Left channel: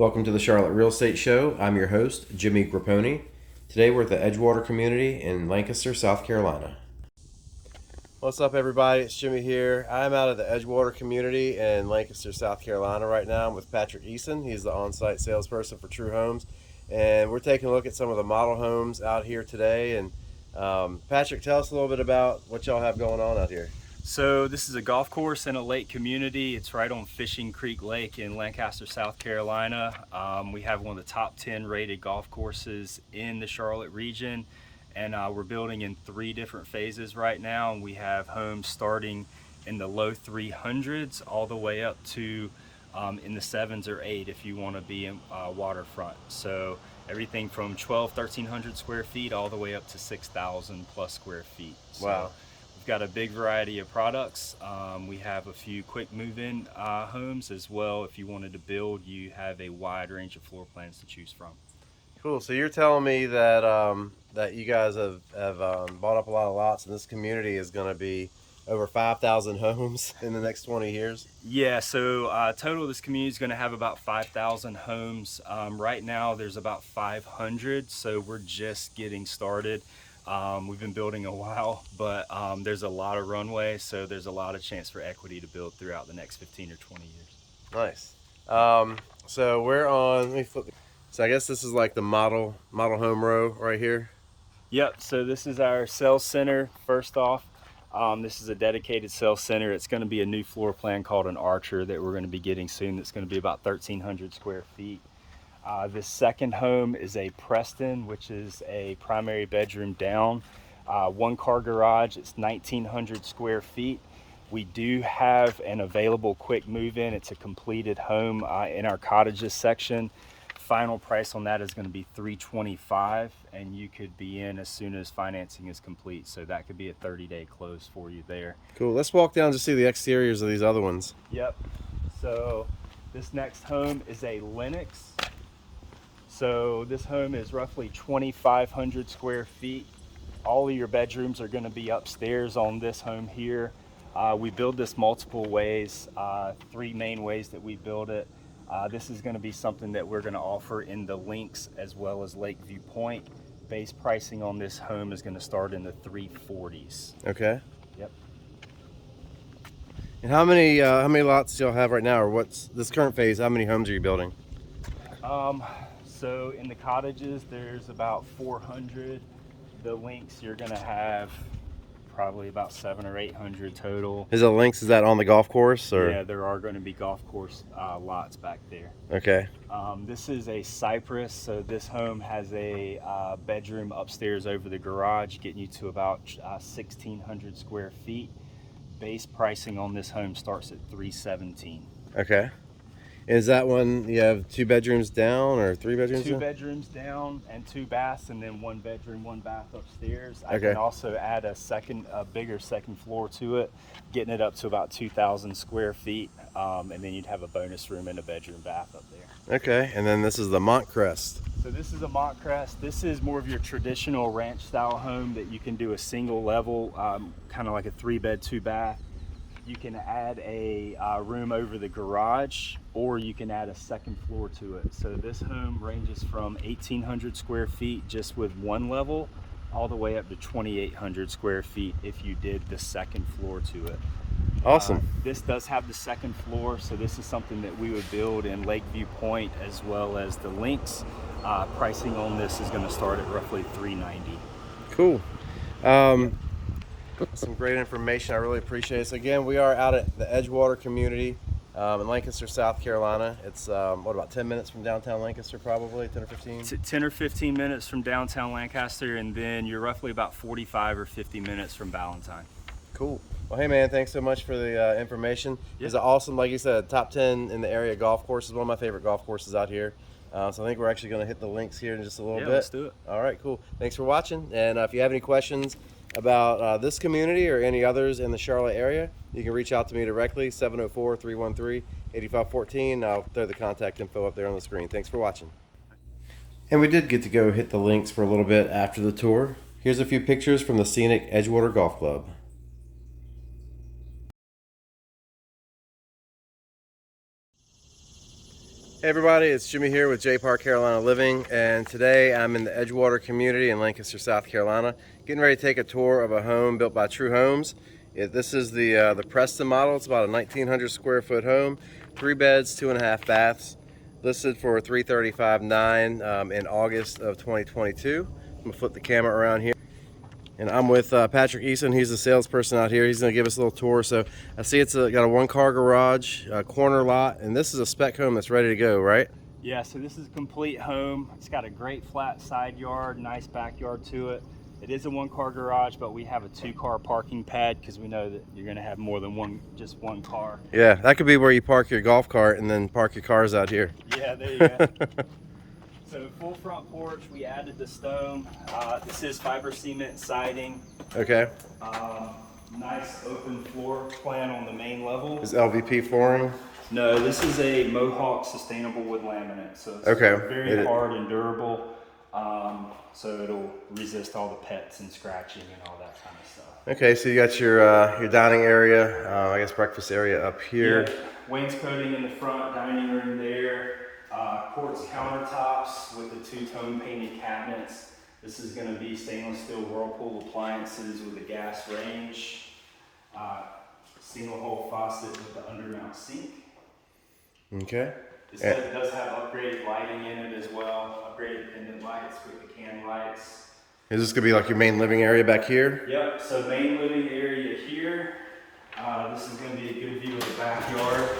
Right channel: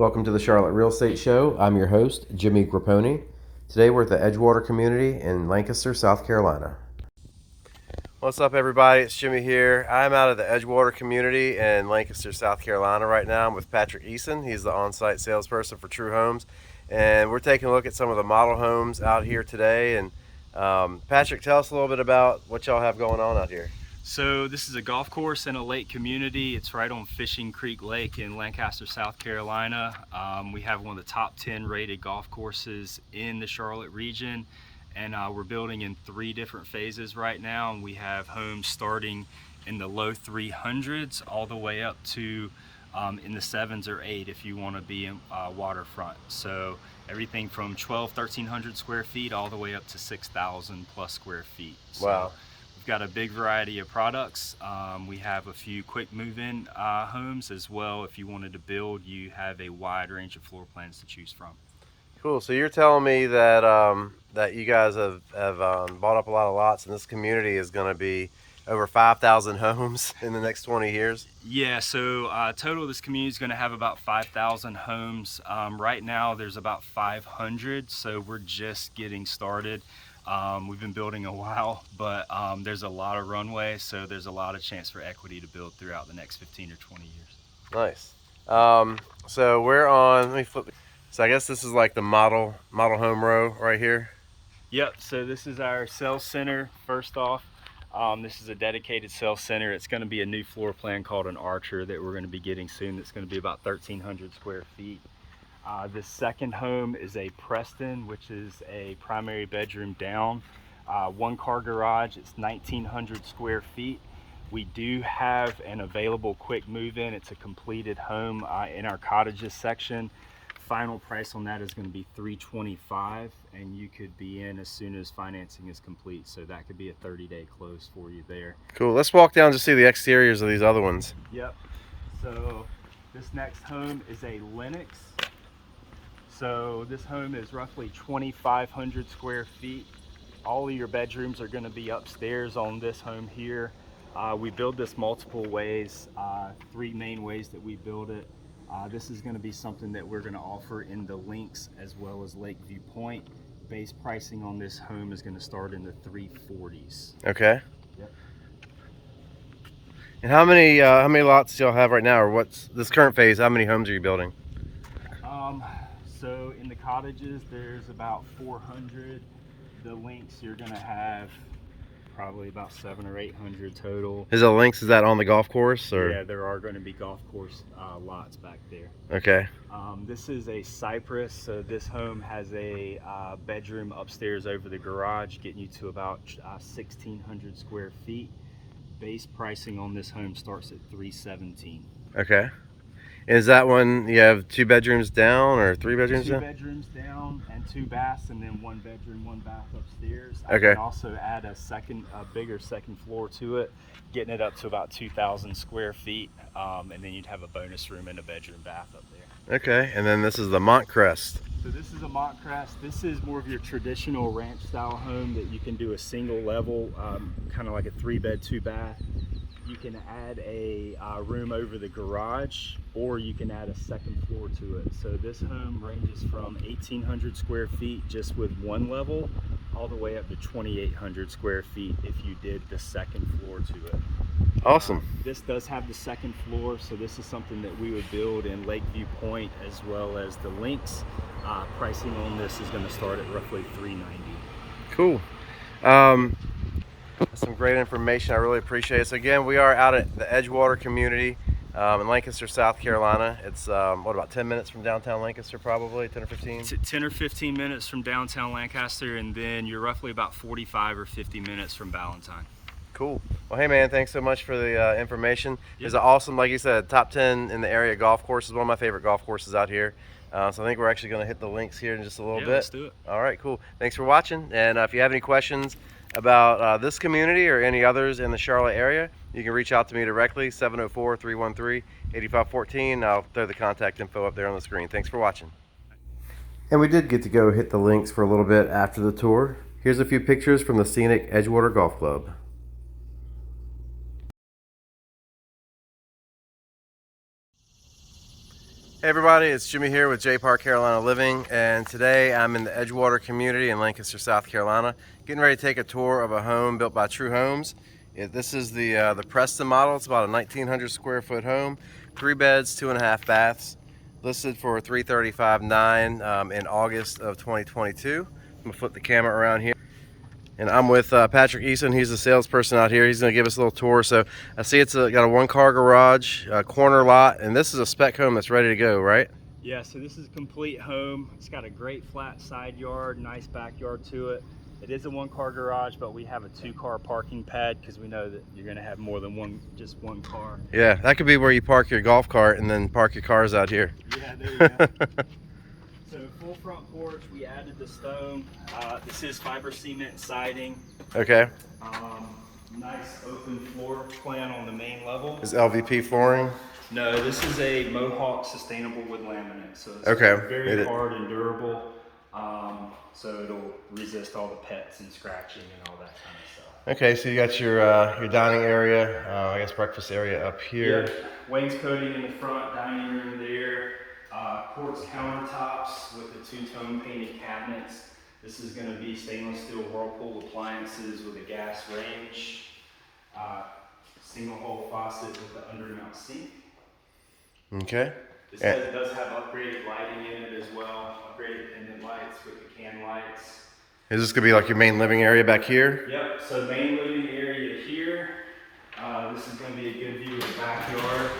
Welcome to the Charlotte Real Estate Show. I'm your host, Jimmy Grappone. Today we're at the Edgewater community in Lancaster, South Carolina. What's up, everybody? It's Jimmy here. I'm out of the Edgewater community in Lancaster, South Carolina right now. I'm with Patrick Eason. He's the on-site salesperson for True Homes. And we're taking a look at some of the model homes out here today. And Patrick, tell us a little bit about what y'all have going on out here. So this is a golf course in a lake community. It's right on Fishing Creek Lake in Lancaster, South Carolina. We have one of the top 10 rated golf courses in the Charlotte region, and we're building in 3 different phases right now. And we have homes starting in the low 300s all the way up to in the 7s or 8 if you want to be in waterfront. So everything from 1,300 square feet all the way up to 6,000 plus square feet. So, wow. We've got a big variety of products. We have a few quick move-in homes as well. If you wanted to build, you have a wide range of floor plans to choose from. Cool. So you're telling me that that you guys have bought up a lot of lots, and this community is going to be over 5,000 homes in the next 20 years? Yeah, so total this community is going to have about 5,000 homes. Right now there's about 500, so we're just getting started. We've been building a while, but there's a lot of runway, so there's a lot of chance for equity to build throughout the next 15 or 20 years. Nice. So we're on, let me flip. So I guess this is like the model home row right here. Yep, so this is our sales center first off. This is a dedicated sales center. It's going to be a new floor plan called an Archer that we're going to be getting soon. That's going to be about 1,300 square feet. This second home is a Preston, which is a primary bedroom down, 1-car garage. It's 1,900 square feet. We do have an available quick move-in. It's a completed home in our cottages section. Final price on that is going to be $325, and you could be in as soon as financing is complete. So that could be a 30-day close for you there. Cool. Let's walk down to see the exteriors of these other ones. Yep. So this next home is a Lennox. So this home is roughly 2,500 square feet. All of your bedrooms are going to be upstairs on this home here. We build this multiple ways, 3 main ways that we build it. This is going to be something that we're going to offer in the Links as well as Lakeview Point. Base pricing on this home is going to start in the 340s. Okay. Yep. And how many lots do y'all have right now, or what's this current phase? How many homes are you building? So in the cottages, there's about 400. The Links, you're going to have probably about 700 or 800 total. Is the Links, is that on the golf course, or? Yeah, there are going to be golf course lots back there. Okay. This is a Cypress, so this home has a bedroom upstairs over the garage, getting you to about 1,600 square feet. Base pricing on this home starts at $317. Okay. Is that one, you have 2 bedrooms down or 3 bedrooms down? 2 bedrooms down and 2 baths, and then 1 bedroom, 1 bath upstairs. Okay. I can also add a bigger second floor to it, getting it up to about 2,000 square feet, and then you'd have a bonus room and a bedroom bath up there. Okay, and then this is the Montcrest. So this is a Montcrest. This is more of your traditional ranch style home that you can do a single level, kind of like a 3-bed, 2-bath. You can add a room over the garage, or you can add a second floor to it. So this home ranges from 1,800 square feet just with 1 level, all the way up to 2,800 square feet if you did the second floor to it. Awesome. This does have the second floor, so this is something that we would build in Lakeview Point as well as the Links. Pricing on this is going to start at roughly $390. Cool. That's some great information. I really appreciate it. So again, we are out at the Edgewater community in Lancaster, South Carolina. It's what, about 10 minutes from downtown Lancaster, probably 10 or 15? 10 or 15 minutes from downtown Lancaster, and then you're roughly about 45 or 50 minutes from Valentine. Cool. Well, hey man, thanks so much for the information. Yep. It's an awesome, like you said, top 10 in the area golf course. Is one of my favorite golf courses out here. So I think we're actually going to hit the Links here in just a little bit. Let's do it. All right, cool. Thanks for watching. And if you have any questions about this community or any others in the Charlotte area, you can reach out to me directly, 704-313-8514. I'll throw the contact info up there on the screen. Thanks for watching. And we did get to go hit the Links for a little bit after the tour. Here's a few pictures from the scenic Edgewater Golf Club. Hey everybody, it's Jimmy here with JPAR Carolina Living, and today I'm in the Edgewater community in Lancaster, South Carolina, getting ready to take a tour of a home built by True Homes. This is the Preston model. It's about a 1,900 square foot home, 3 beds, 2.5 baths, listed for $335,900 in August of 2022. I'm gonna flip the camera around here. And I'm with Patrick Eason. He's the salesperson out here. He's going to give us a little tour. So I see it's got a 1-car garage, a corner lot, and this is a spec home that's ready to go, right? Yeah, so this is a complete home. It's got a great flat side yard, nice backyard to it. It is a 1-car garage, but we have a 2-car parking pad because we know that you're going to have more than just one car. Yeah, that could be where you park your golf cart and then park your cars out here. Yeah, there you go. So full front porch, we added the stone. This is fiber cement siding. Okay. Nice open floor plan on the main level. Is LVP flooring? No, this is a Mohawk sustainable wood laminate. So it's Okay. very hard and durable. So it'll resist all the pets and scratching and all that kind of stuff. Okay, so you got your dining area, I guess breakfast area up here. Yeah. Wainscoting in the front, dining room there. Quartz countertops with the 2-tone painted cabinets. This is going to be stainless steel Whirlpool appliances with a gas range. Single hole faucet with the undermount sink. Okay. This does have upgraded lighting in it as well. Upgraded pendant lights with the can lights. Is this going to be like your main living area back here? Yep, so main living area here. This is going to be a good view of the backyard.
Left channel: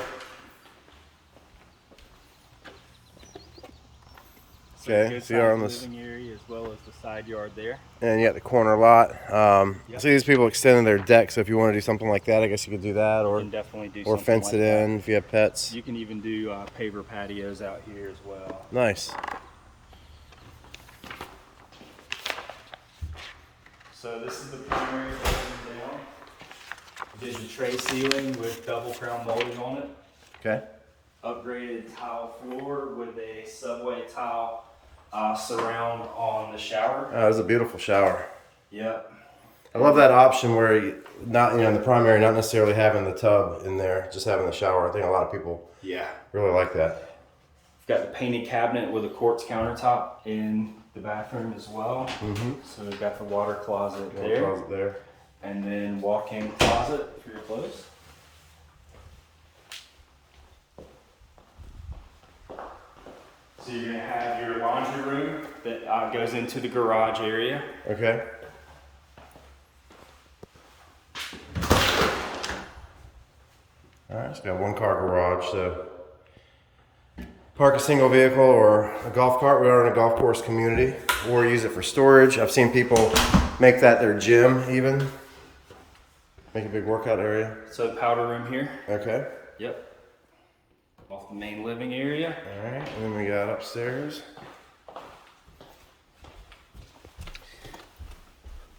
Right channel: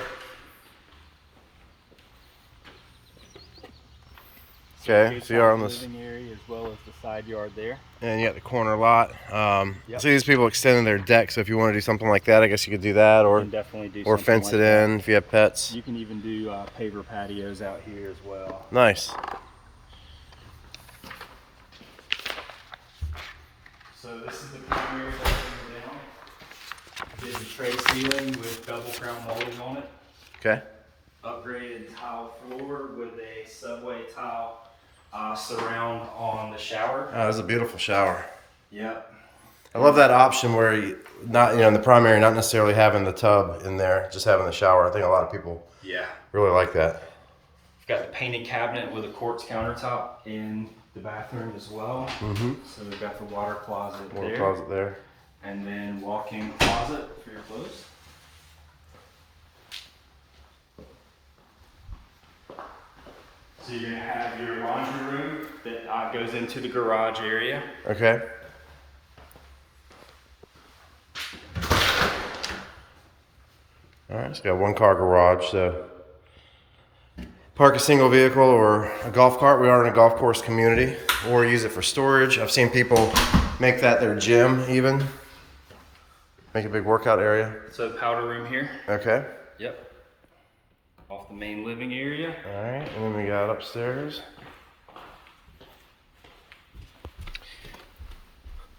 Okay, so you're on this living area as well as the side yard there. And you got the corner lot. I see these people extending their deck, so if you want to do something like that, I guess you could do that, or Definitely do or fence like it in if you have pets. You can even do paver patios out here as well. Nice. So this is the primary facing down. Did the tray ceiling with double crown molding on it. Okay. Upgraded tile floor with a subway tile surround on the shower. Oh, this is a beautiful shower. Yep. I love that option where you not, in the primary, not necessarily having the tub in there, just having the shower. I think a lot of people really like that. Got the painted cabinet with a quartz countertop in the bathroom as well. Mm-hmm. So we've got the water closet there. Water closet there. And then walk-in closet for your clothes. So you're gonna have your laundry room that goes into the garage area. Okay. All right, it's got 1-car garage, so park a single vehicle or a golf cart. We are in a golf course community, or use it for storage. I've seen people make that their gym even. Make a big workout area. So powder room here. Okay. Yep. Off the main living area. All right, and then we got upstairs.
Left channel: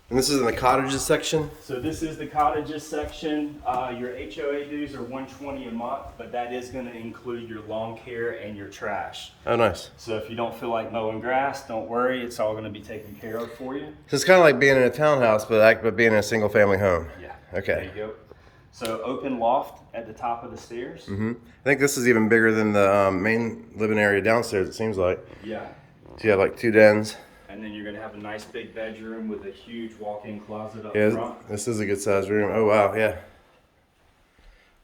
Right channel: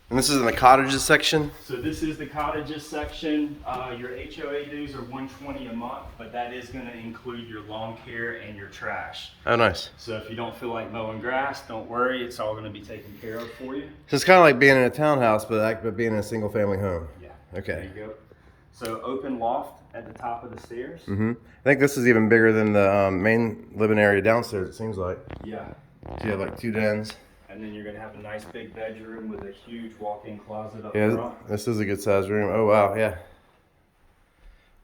And this is in the cottages section. So this is the cottages section. Your HOA dues are $120 a month, but that is going to include your lawn care and your trash. Oh, nice. So if you don't feel like mowing grass, don't worry. It's all going to be taken care of for you. So it's kind of like being in a townhouse, but being in a single family home. Yeah. Okay. There you go. So open loft at the top of the stairs. Mm-hmm. I think this is even bigger than the main living area downstairs, it seems like. Yeah. So you have like 2 dens. And then you're going to have a nice big bedroom with a huge walk-in closet up Yeah, front. this is a good sized room. Oh, wow, yeah.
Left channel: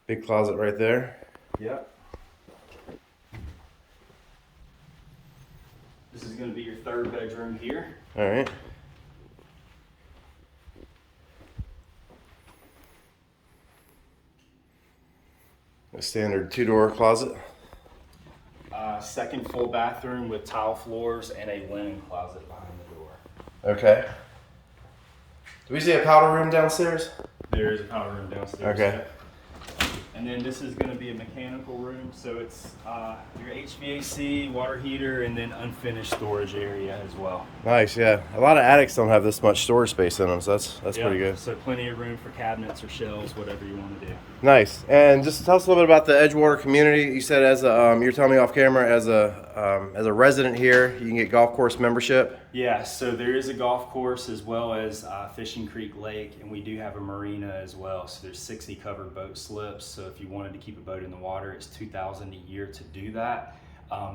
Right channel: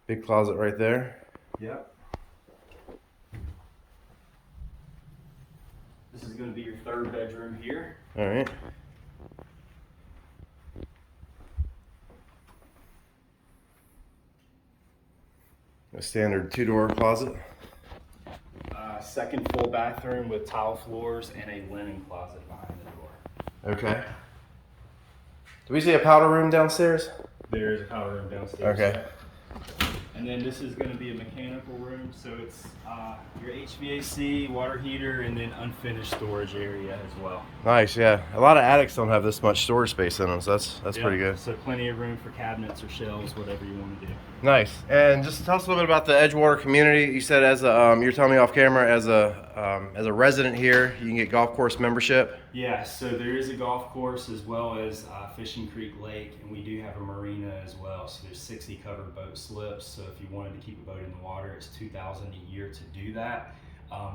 Big closet right there. Yep. This is going to be your 3rd bedroom here. All right. A standard 2-door closet. 2nd full bathroom with tile floors and a linen closet behind the door. Okay. Do we see a powder room downstairs? There is a powder room downstairs. Okay. And then this is going to be a mechanical room, so it's your HVAC, water heater, and then unfinished storage area as well. Nice, yeah. A lot of attics don't have this much storage space in them, so that's pretty good. So plenty of room for cabinets or shelves, whatever you want to do. Nice. And just tell us a little bit about the Edgewater community. You said as a, you're telling me off camera, as a resident here, you can get golf course membership. Yeah, so there is a golf course as well as Fishing Creek Lake, and we do have a marina as well. So there's 60 covered boat slips. So if you wanted to keep a boat in the water, it's $2,000 a year to do that.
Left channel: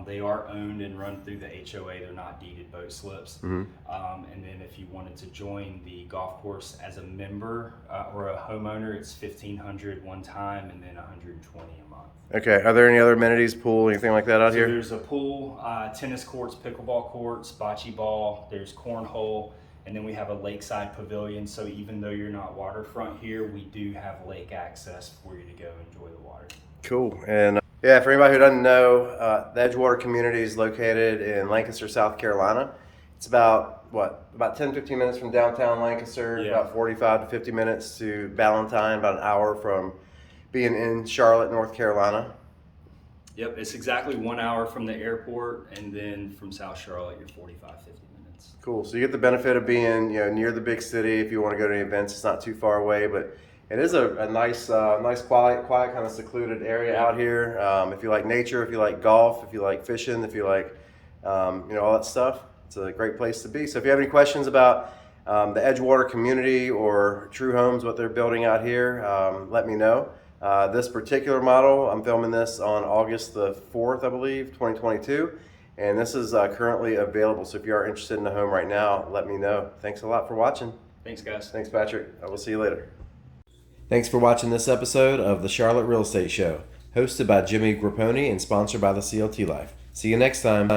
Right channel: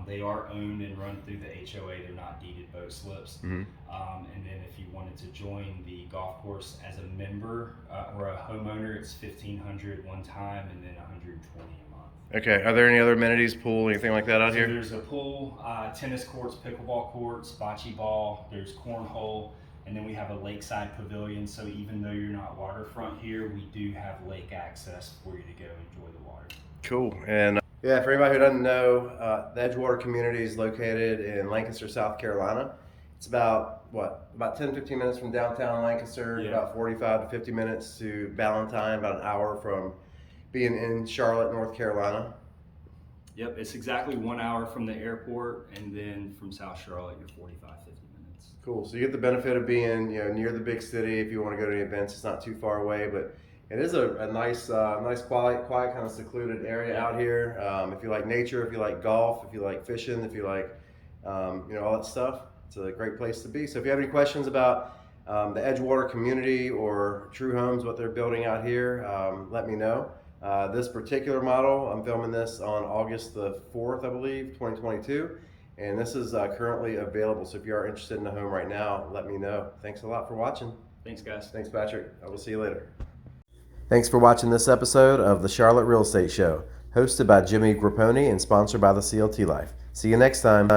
They are owned and run through the HOA. They're not deeded boat slips. And then if you wanted to join the golf course as a member or a homeowner, it's $1,500 one time and then $120 a month. Okay. Are there any other amenities, pool, anything like that out So here? there's a pool, tennis courts, pickleball courts, bocce ball, there's cornhole, and then we have a lakeside pavilion. So even though you're not waterfront here, we do have lake access for you to go enjoy the water. Cool. And yeah, for anybody who doesn't know, the Edgewater community is located in Lancaster, South Carolina. It's about 10, 15 minutes from downtown Lancaster, Yeah. about 45 to 50 minutes to Ballantyne, about an hour from being in Charlotte, North Carolina. Yep, it's exactly 1 hour from the airport, and then from South Charlotte, you're 45, 50 minutes. Cool. So you get the benefit of being, near the big city. If you want to go to any events, it's not too far away, but it is a nice, quiet, kind of secluded area out here. If you like nature, if you like golf, if you like fishing, if you like, all that stuff, it's a great place to be. So if you have any questions about the Edgewater community or True Homes, what they're building out here, let me know. This particular model, I'm filming this on August the 4th, I believe, 2022. And this is currently available. So if you are interested in a home right now, let me know. Thanks a lot for watching. Thanks, guys. Thanks, Patrick. I will see you later. Thanks for watching this episode of the Charlotte Real Estate Show, hosted by Jimmy Grappone and sponsored by the CLT Life. See you next time.